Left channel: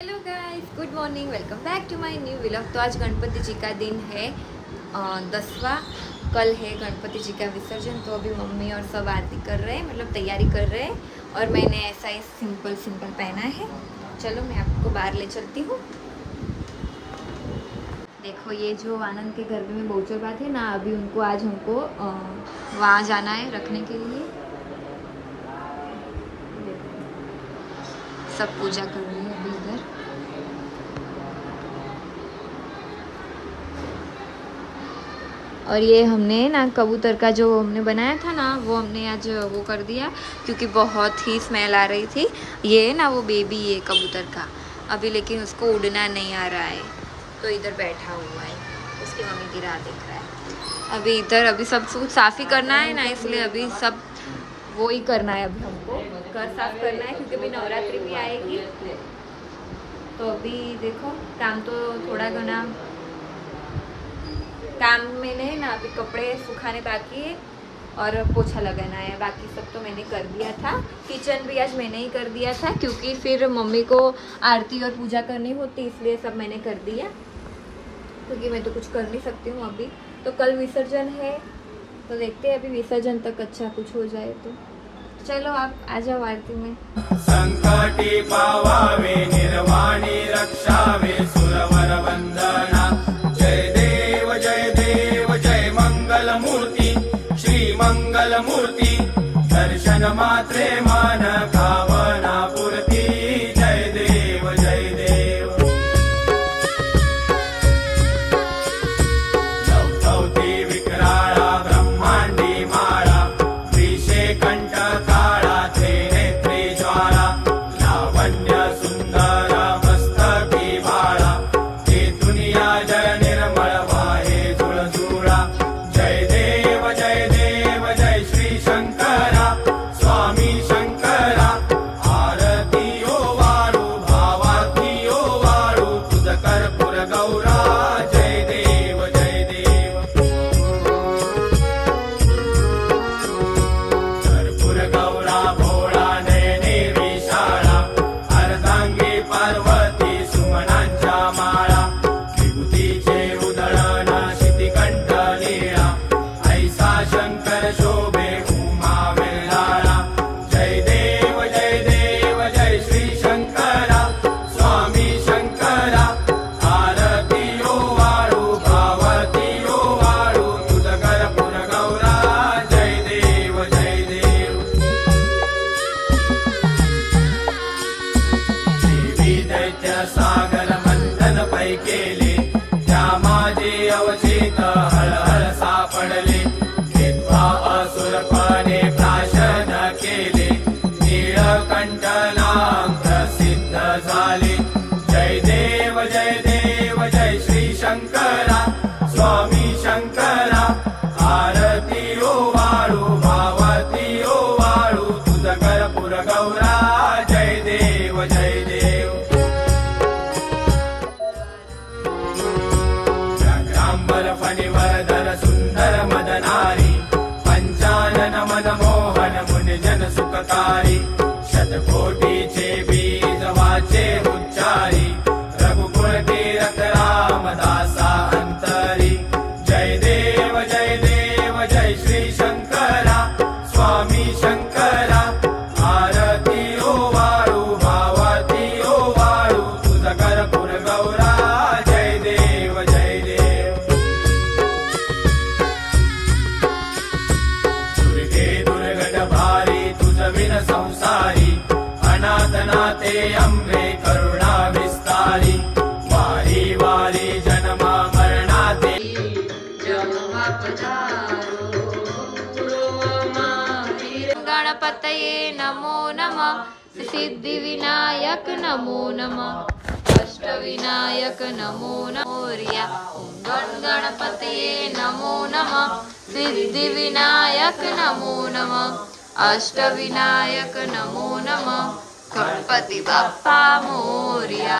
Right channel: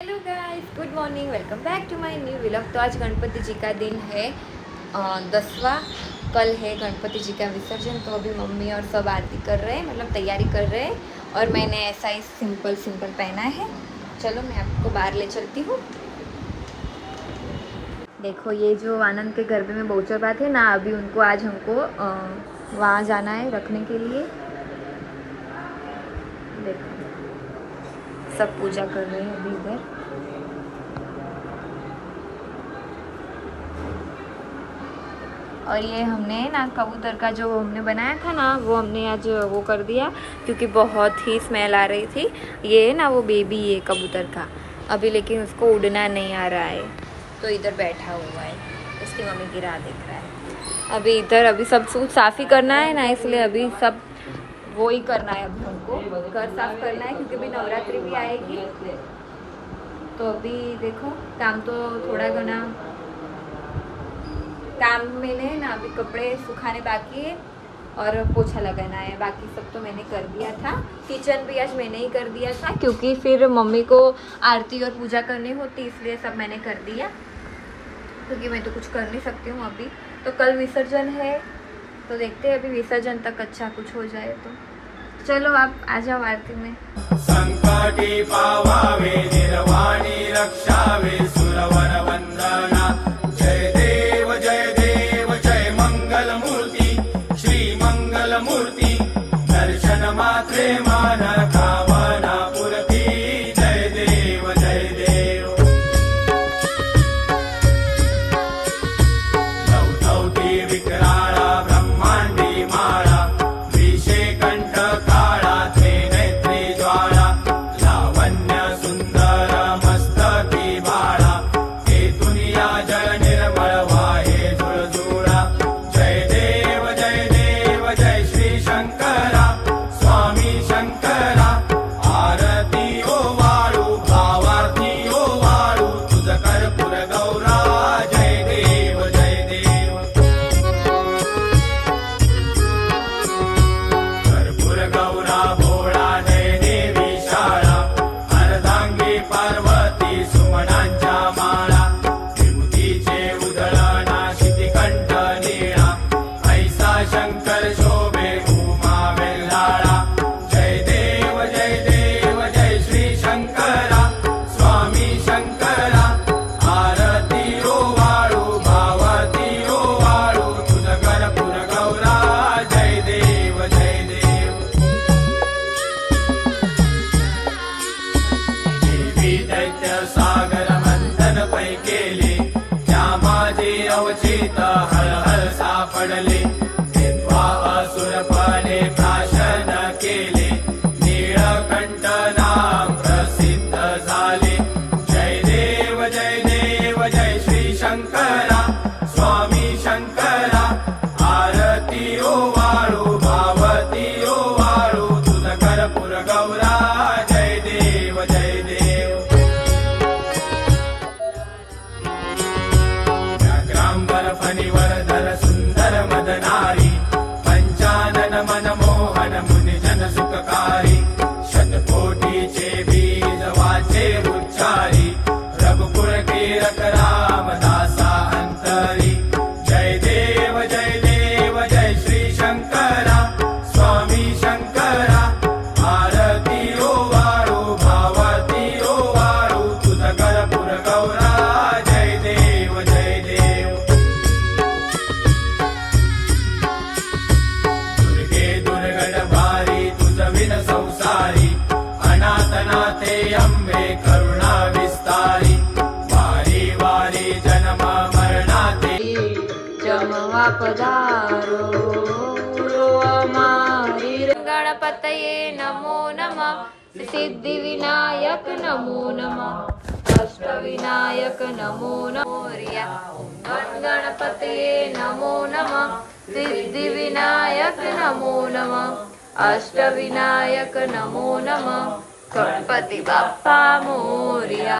Hello guys, good morning, welcome back to my new vlog. तो आज गणपति जी का दिन है 10वां। कल है गणपति जी का विसर्जन। तो अभी मम्मी और सब आरती कर रहे हैं, मतलब तैयारी कर रहे हैं। और मैंने ऐसा ही सिंपल पहना है। चलो मैं आपको बाहर ले चलती हूँ। देखो, ये जो आनंद के घर में बहुचर बात है ना, अभी उनको आज हमको वहाँ जाना है रखने के लिए। देखो सब पूजा कर रहे हैं अभी इधर। और ये हमने ना कबूतर का जो हमने बनाया था ना, वो हमने आज वो कर दिया, क्योंकि बहुत ही स्मेल आ रही थी। ये ना वो बेबी है कबूतर का अभी, लेकिन उसको उड़ना नहीं आ रहा है, तो इधर बैठा हुआ है। उसकी मम्मी की राह देख रहा है। अभी इधर अभी सब कुछ साफ़ ही करना है ना, इसलिए अभी सब वो ही करना है। अभी हमको घर साफ करना है, क्योंकि अभी नवरात्रि भी आएगी। तो अभी देखो काम तो थोड़ा घना काम में नहीं ना, अभी कपड़े सुखाने बाकी है और पोछा लगाना है। बाकी सब तो मैंने कर दिया था। किचन भी आज मैंने ही कर दिया था, क्योंकि फिर मम्मी को आरती और पूजा करनी होती, इसलिए सब मैंने कर दिया, क्योंकि मैं तो कुछ कर नहीं सकती हूँ अभी। तो कल विसर्जन है, तो देखते हैं अभी विसर्जन तक अच्छा कुछ हो जाए तो। चलो आप आ जाओ आरती में। संकटी पावावे निर्वाणी रक्षावे सुरवर वंदना। जय देव जय मंगल मूर्ति श्री मंगल मूर्ति। दर्शन मात्रे मान भावना पूर्ति। जय देव जय देव। दौती विकराळा ब्रह्मांडी माळा विषे कंठ काळा ते नेत्रे ज्वाला। लावण्य सुंदर मस्तकी बाळा ते दुनिया जय निर्मळ वाहे झुळझुळा। जय देव जय श्री शंकरा स्वामी शंकरा। आरती ओ वाळू भावाती ओ वाळू तुझ कर्पूर गौरा। जय देव जय देव। कर्पूर गौरा भोळा नयने विशाळा। अर्धांगी पार्वती सुमनांच्या माळा। विभूतीचे उधळण शितिकंठ नीळा। ऐसा शंकर शोभे उमा वेल्हाळा। जय देव जय श्री शंकरा स्वामी शंकरा। आरती ओ वाळू भावती ओ वाळू तुझ कर्पूर गौरा। जय देव जय देव। देवी दैत्य सागर मंथन पै केले। त्या माझे अवचित हळहळ सापडले। विद्वा असुरपणे प्राशन केले। नीळकंठ नाम प्रसिद्ध झाले। जय देव जय श्री शंकरा स्वामी शंकरा। आरती ओ वाळू भावती ओ वाळू तुझ कर्पूर गौरा। जय देव जय देव। व्याघ्रांबर फणिवरधर सुंदर मदनारी। पंचानन मनमोहन मुनिजन सुखकारी। शतकोटीचे बीज वाचे उच्चारी। रघुकुळ कीरत रामदासा अंतरी। जय देव जय श्री शंकरा स्वामी शंकरा। आरती ओ वाळू भावती ओ वाळू तुझ कर्पूर गौरा। जय देव जय देव। दुर्गे दुर्गट भारी तुझ विन संसारी। अनाथनाथे अंबे करुणा विस्तारी। वारी वारी जन्म मरणाते जमवा पधारो हमारी। गणपतये नमो नमः। सिद्धि विनायक नमो नमः। अष्टविनायक नमो नमोरिया। गणपतये नमो नमः। सिद्धि विनायक नमो नमः। अष्टविनायक नमो नमः। गणपति बाप्पा मोरिया।